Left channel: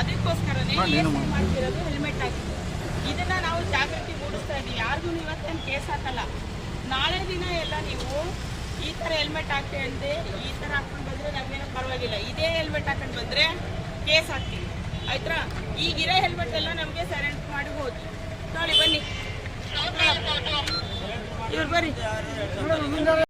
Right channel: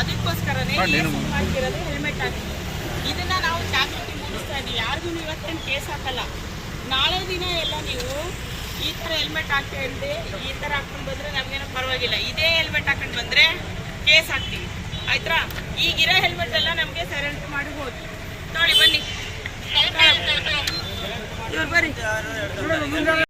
ಅದಕ್ಕೋಸ್ಕರನೇ ಮಾಡ್ತಿರೋದು ಹೆಲ್ಮೆಟ್ ಹಾಕಿ ಇದನ್ನ ನಾವು ಜಾಗೃತಿ ಮೂಡಿಸ್ತಾ ಇದ್ದೀವಿ ಯಾರಿಗೂ ಇವತ್ತೇನು ಕೇಸ್ ಹಾಕಲ್ಲ. ನಾಳೆ ದಿನ ಎಲ್ಲ ನೀವು ಈ ಥರ ಹೆಲ್ಮೆಟ್ ಹಾಕ್ತೀವಿ ಅಂದ್ರೆ ಈ ಥರ ಹಾಕೊಂಡು ಬಂದ್ರೆ ನಮ್ಗೇನೋ ಪರವಾಗಿಲ್ಲ. ಇದೇ ಹೆಲ್ಮೆಟ್ ಹಾಕೊಂಡು ಬಂದ್ರೆ ಕೇಸ್ ಹಾಕ್ತೀವಿ. ಆಯ್ತಾ? ಈಗಿರೋ ಹೆಲ್ಮೆಟ್ ಎಲ್ಲ ನಮಗೆ ಸರೆಂಡರ್ ಮಾಡಿ ಹೋಗಿ ನೋಡಿ ಬನ್ನಿ. ಬರ್ರಿ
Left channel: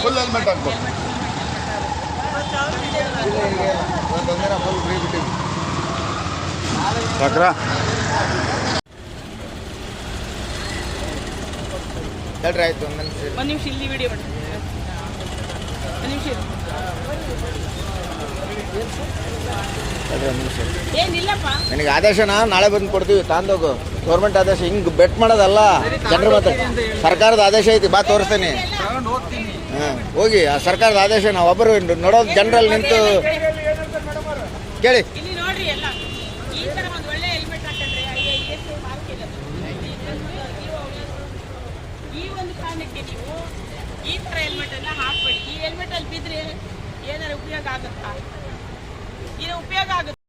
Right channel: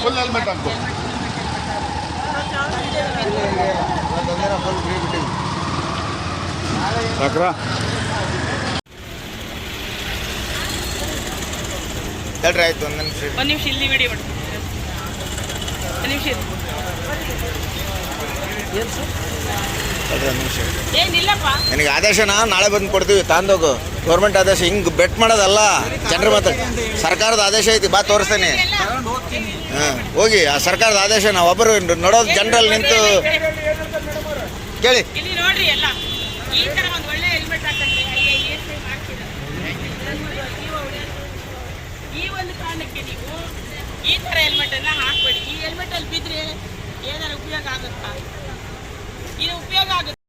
ಫುಲ್ ಹೆಲ್ಮೆಟ್ ಹಾಕ್ಬೇಕು ಸಾಕ್ರಾ ಹೇಳ್ರಿ ಆಯ್ತು ಒಂದು ನಿಮಿಷ ಒಂದು ನಿಮಿಷ ಇಲ್ಲಿ ವಿಡಿಯೋ ಮಾಡಿ ಒಂದು ನಿಮಿಷ. ಹೇಳ್ರಿ ಒಂದು ನಿಮಿಷ ಏನಿಲ್ಲಪ್ಪ ನಿನಗೆ ಆದೇಶನ ನಾಳೆ ಬಂದು ಕೊಡ್ತೀವಿ ತಾಂದೋಗು. ಗೌರ್ಮೆಂಟ್ ಆದೇಶ ಹಿಂಗೆ ಬೆಟ್ ಮಾಡೋದಲ್ಲ. ಜನರ ಮಾತು ಸರ್ಕಾರದ ಆದೇಶ ಐತಿ ಬಾ ತೋರಿಸ್ತೀನಿ. ಹಾಂ ಹೋಗಿ ಆ ಸರ್ಕಾರದ ಆದೇಶ ನಾವು ಒಬ್ಬರು ನೋಡೋದು ಜನರಲ್ಲಿ ನಿಂತು ಕೇಳಿ ಇಲ್ಲಿ ನೋಡ್ರಿ ಎಲ್ಲ ಈ ತರ ಒಂದು ಒಳ್ಳೆ ಹೆಲ್ಮೆಟ್ ಹಾಕೊಂಡ್ರೆ ಐ ಎಸ್ ಐ ಮಾಡ್ತಿರೋದು ಈ ಒಂದು ಕಾರಣಕ್ಕೆ ನೀವು ಈ ತರ ಹೆಲ್ಮೆಟ್ ಅನ್ನ ಹಾಕ್ಬೇಡಿ. ಈ ಹೆಲ್ಮೆಟ್ ಅಲ್ಲಿ ಬಿದ್ರೆ ಏನಾರ ಉಪಯೋಗ ಆಗುತ್ತಾ? ಇದು ಉಪಯೋಗ ಆಗುತ್ತೆ?